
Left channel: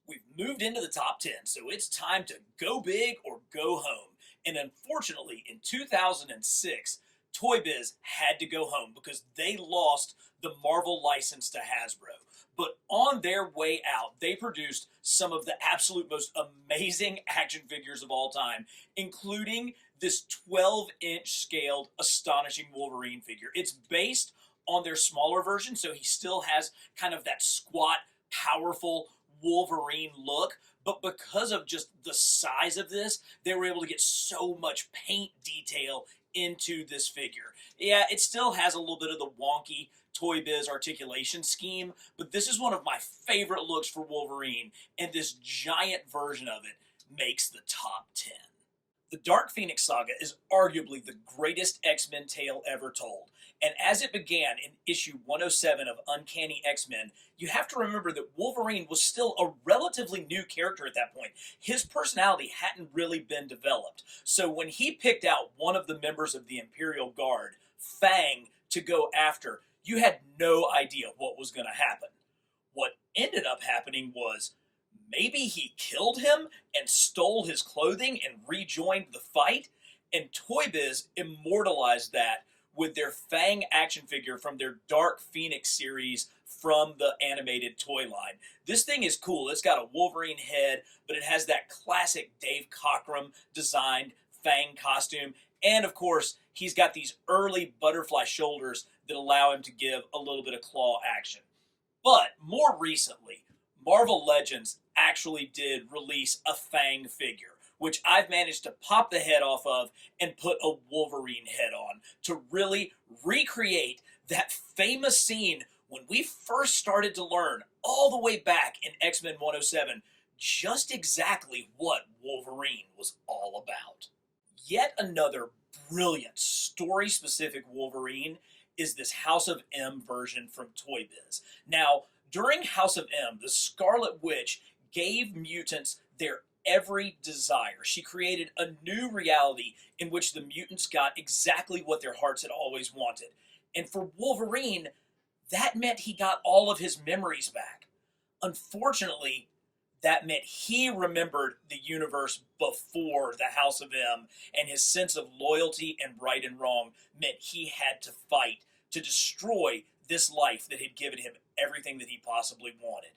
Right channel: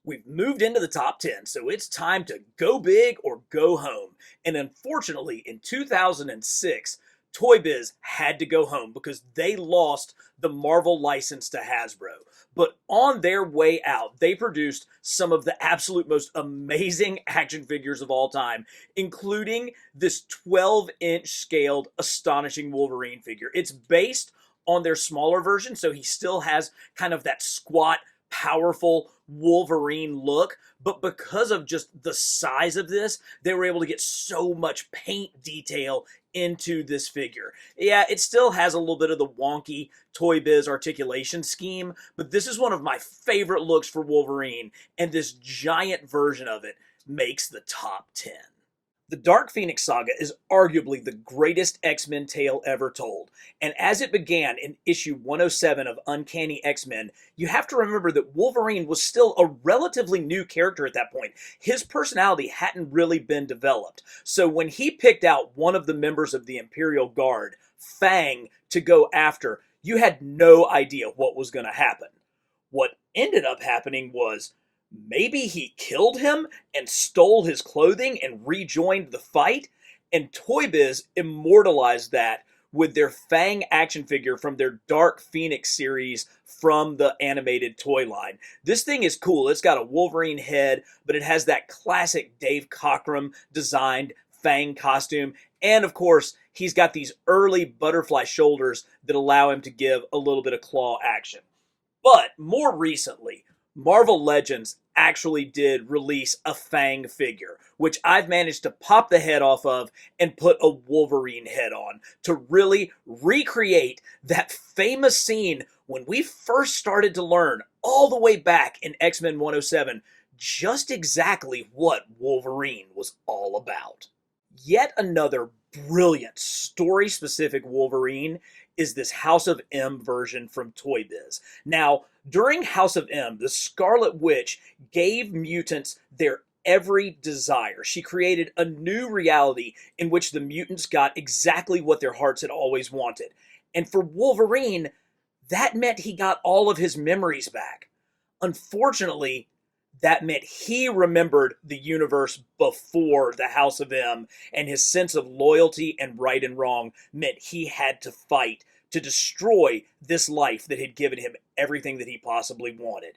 We've moved into the top 10, so it's time to go big or go home. And unfortunately, in 2006, Toy Biz had to go home because they lost the Marvel license to Hasbro. But on their way out, they produced some of the absolute most amazing action figures of all time, including this 12-inch scaled Astonishing Wolverine figure. It's based on their smaller version, so he still has kind of that squat, powerful Wolverine look, but because of just the size of this, they were able to get so much paint detail into this figure. Yeah, it still has a little bit of the wonky Toy Biz articulation scheme, but this is one of my favorite looks for Wolverine, and this giant version of it makes the top 10. The Dark Phoenix saga is arguably the greatest X-Men tale ever told, and as it began in issue 107 of Uncanny X-Men, you have to remember that Wolverine was still a relatively new character at that point. His personality hadn't really been developed, so when he picked out one of the members of the Imperial Guard, Fang, to go after, you had no idea what was going to happen. What ended up happening was maybe he killed him and stole his clothing and rejoined the fight, and Toy Biz immortalized that with their Fang action figure from their Dark Phoenix series from the animated toy line. This thing is cool. It's got a Wolverine head, but it has that classic Dave Cockrum designed Fang costume, and of course, he's got these early butterfly shoulders that allow him to give a little bit of claw action. But more recently, Marvel Legends actually did release a Fang figure, which I've managed to pop the head off of and put a Wolverine head on to really recreate that famous scene when we first started to learn all the way back in X-Men 107 just exactly what Wolverine was all about. Yet another brilliant story-specific Wolverine is this House of M version from Toy Biz. Now, during House of M, the Scarlet Witch gave mutants their every desire. She created a new reality in which the mutants got exactly what their hearts had always wanted. And for Wolverine, that meant he got all of his memories back. Unfortunately, that meant he remembered the universe before the House of M, and his sense of loyalty and right and wrong meant he had to fight to destroy this life that had given him everything that he possibly wanted.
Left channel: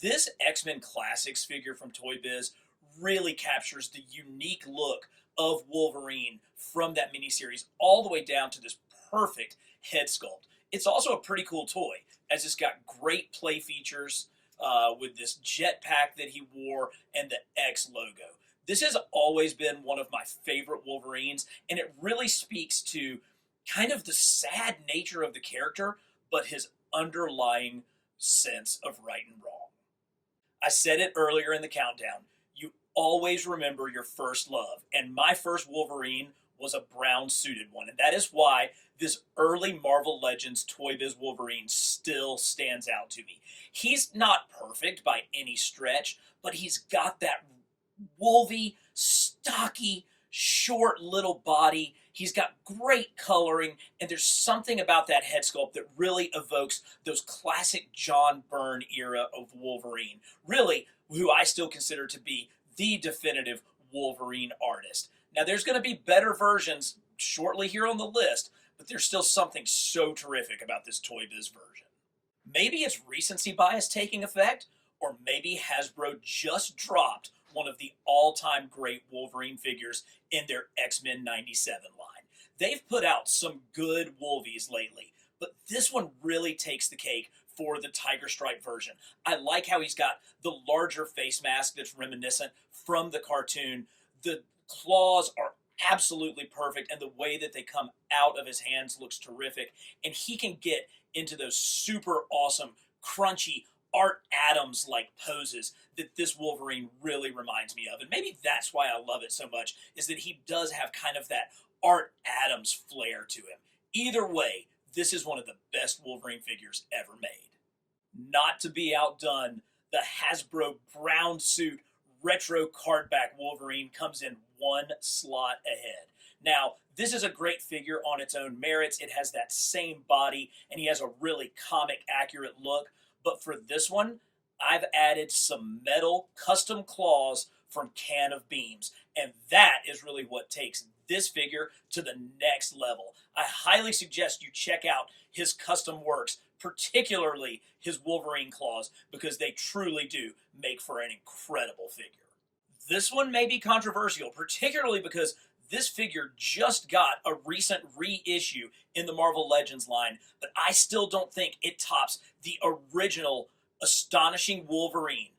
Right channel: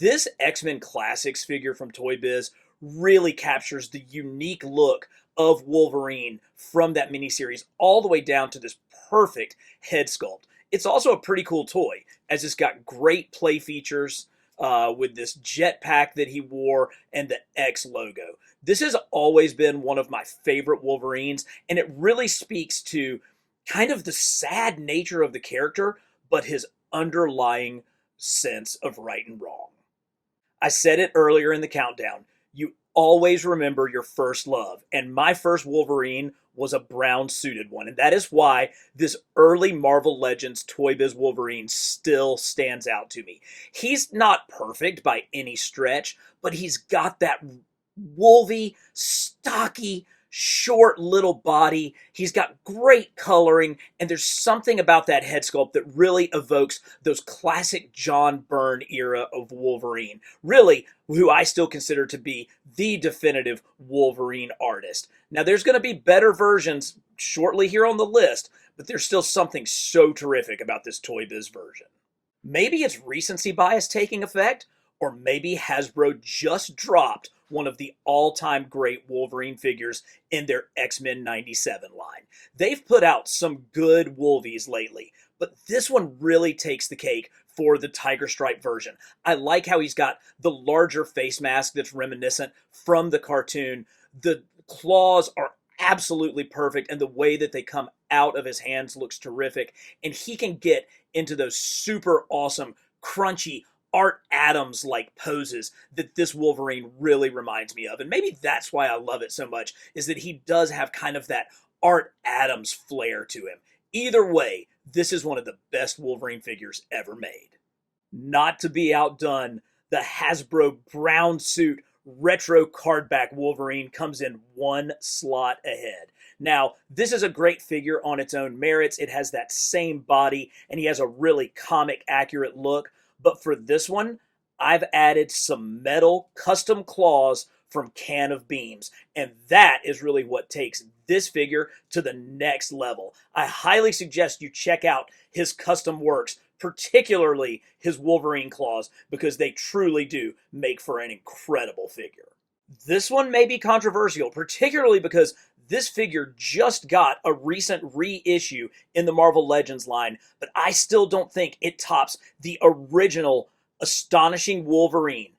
This X-Men Classics figure from Toy Biz really captures the unique look of Wolverine from that miniseries all the way down to this perfect head sculpt. It's also a pretty cool toy, as it's got great play features, with this jetpack that he wore and the X logo. This has always been one of my favorite Wolverines, and it really speaks to kind of the sad nature of the character, but his underlying sense of right and wrong. I said it earlier in the countdown. You always remember your first love, and my first Wolverine was a brown suited one, and that is why this early Marvel Legends Toy Biz Wolverine still stands out to me. He's not perfect by any stretch, but he's got that wolvy, stocky, short little body. He's got great coloring, and there's something about that head sculpt that really evokes those classic John Byrne era of Wolverine. Really, who I still consider to be the definitive Wolverine artist. Now, there's going to be better versions shortly here on the list, but there's still something so terrific about this Toy Biz version. Maybe it's recency bias taking effect, or maybe Hasbro just dropped one of the all-time great Wolverine figures in their X-Men 97 line. They've put out some good Wolvies lately, but this one really takes the cake for the tiger stripe version. I like how he's got the larger face mask that's reminiscent from the cartoon. The claws are absolutely perfect, and the way that they come out of his hands looks terrific. And he can get into those super awesome, crunchy Art Adams like poses that this Wolverine really reminds me of. And maybe that's why I love it so much, is that he does have kind of that Art Adams flair to him. Either way, this is one of the best Wolverine figures ever made. Not to be outdone, the Hasbro brown suit retro cardback Wolverine comes in one slot ahead. Now, this is a great figure on its own merits. It has that same body, and he has a really comic accurate look. But for this one, I've added some metal custom claws from Can of Beams, and that is really what takes this figure to the next level. I highly suggest you check out his custom works, particularly his Wolverine claws, because they truly do make for an incredible figure. This one may be controversial, particularly because this figure just got a recent reissue in the Marvel Legends line, but I still don't think it tops the original Astonishing Wolverine.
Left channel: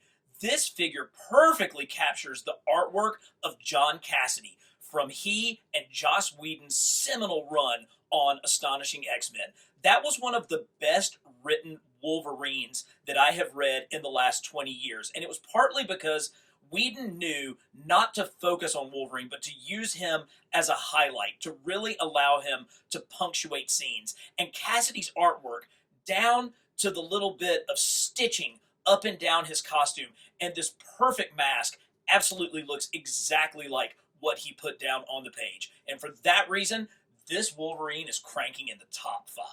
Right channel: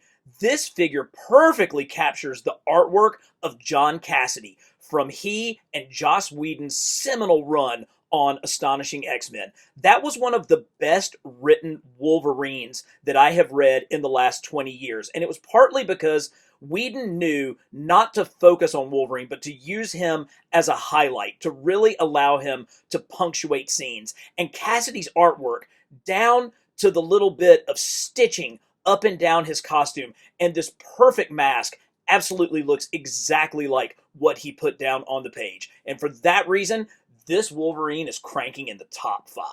This figure perfectly captures the artwork of John Cassaday from he and Joss Whedon's seminal run on Astonishing X-Men. That was one of the best written Wolverines that I have read in the last 20 years, and it was partly because Whedon knew not to focus on Wolverine, but to use him as a highlight, to really allow him to punctuate scenes. And Cassaday's artwork, down to the little bit of stitching up and down his costume, and this perfect mask, absolutely looks exactly like what he put down on the page. And for that reason, this Wolverine is cranking in the top 5.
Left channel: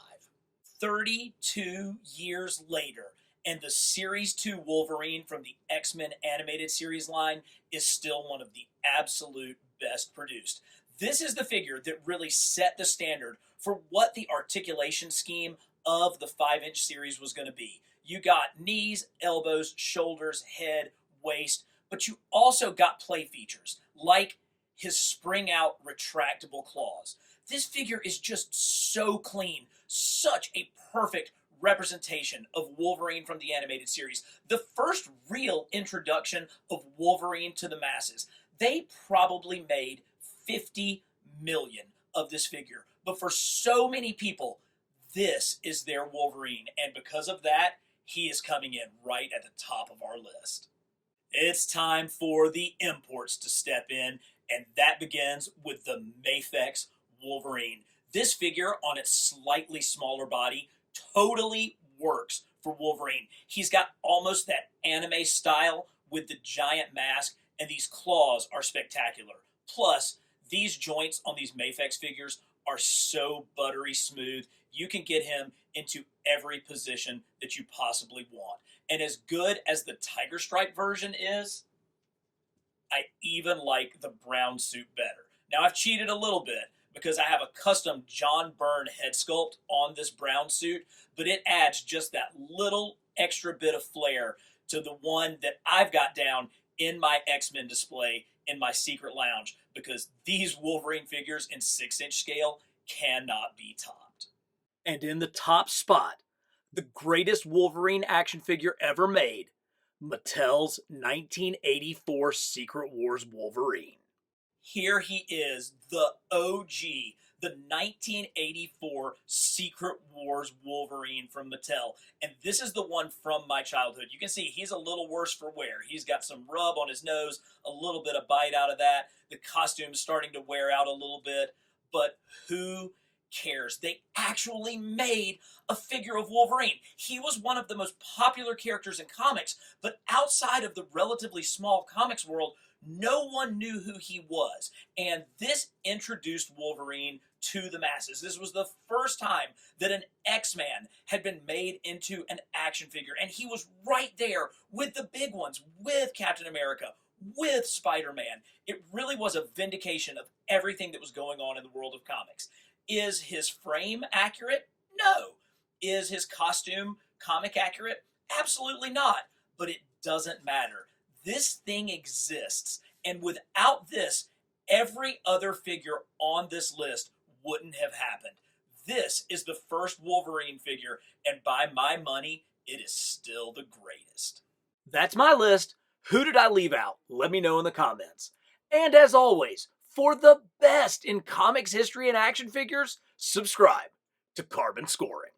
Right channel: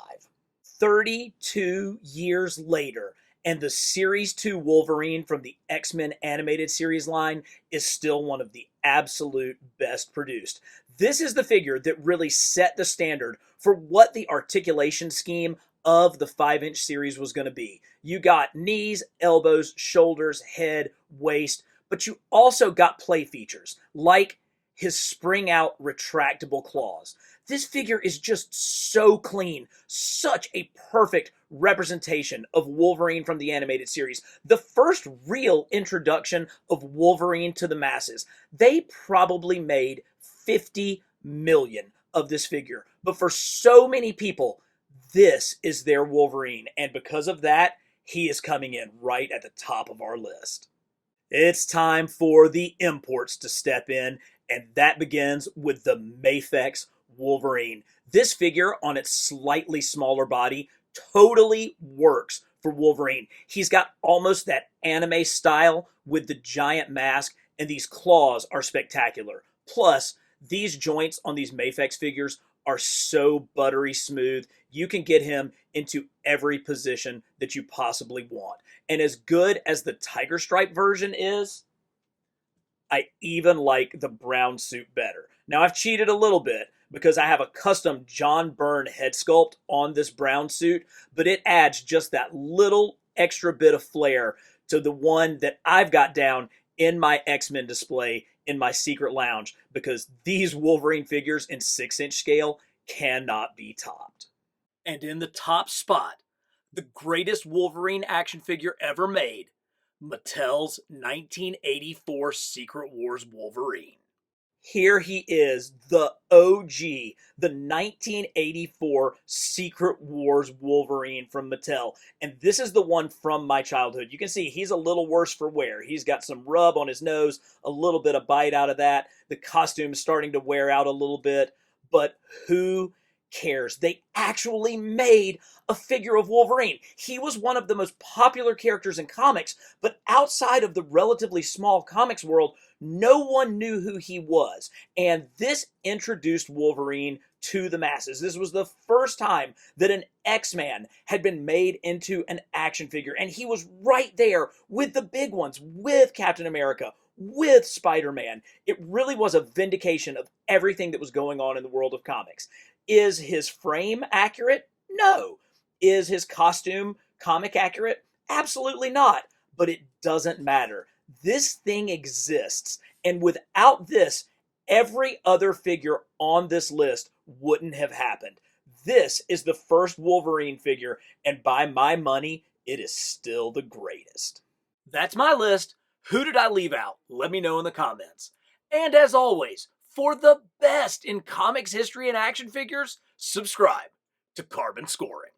32 years later, and the Series 2 Wolverine from the X-Men animated series line is still one of the absolute best produced. This is the figure that really set the standard for what the articulation scheme of the 5-inch series was going to be. You got knees, elbows, shoulders, head, waist, but you also got play features like his spring out retractable claws. This figure is just so clean, such a perfect representation of Wolverine from the animated series. The first real introduction of Wolverine to the masses. They probably made 50 million of this figure, but for so many people, this is their Wolverine, and because of that, he is coming in right at the top of our list. It's time for the imports to step in, and that begins with the MAFEX Wolverine. This figure, on its slightly smaller body, totally works for Wolverine. He's got almost that anime style with the giant mask, and these claws are spectacular. Plus, these joints on these MAFEX figures are so buttery smooth, you can get him into every position that you possibly want. And as good as the Tiger Stripe version is, I even like the brown suit better. Now, I've cheated a little bit because I have a custom John Byrne head sculpt on this brown suit, but it adds just that little extra bit of flair to the one that I've got down in my X-Men display in my secret lounge, because these Wolverine figures in 6-inch scale cannot be topped. And in the top spot, the greatest Wolverine action figure ever made, Mattel's 1984 Secret Wars Wolverine. Here he is, the OG, the 1984 Secret Wars Wolverine from Mattel. And this is the one from my childhood. You can see he's a little worse for wear. He's got some rub on his nose, a little bit of bite out of that. The costume's starting to wear out a little bit. But who cares? They actually made a figure of Wolverine. He was one of the most popular characters in comics, but outside of the relatively small comics world, no one knew who he was. And this introduced Wolverine to the masses. This was the first time that an X-Man had been made into an action figure. And he was right there with the big ones, with Captain America, with Spider-Man. It really was a vindication of everything that was going on in the world of comics. Is his frame accurate? No. Is his costume comic accurate? Absolutely not. But it doesn't matter. This thing exists, and without this, every other figure on this list wouldn't have happened. This is the first Wolverine figure, and by my money, it is still the greatest. That's my list. Who did I leave out? Let me know in the comments. And as always, for the best in comics history and action figures, subscribe to Carbon Scoring.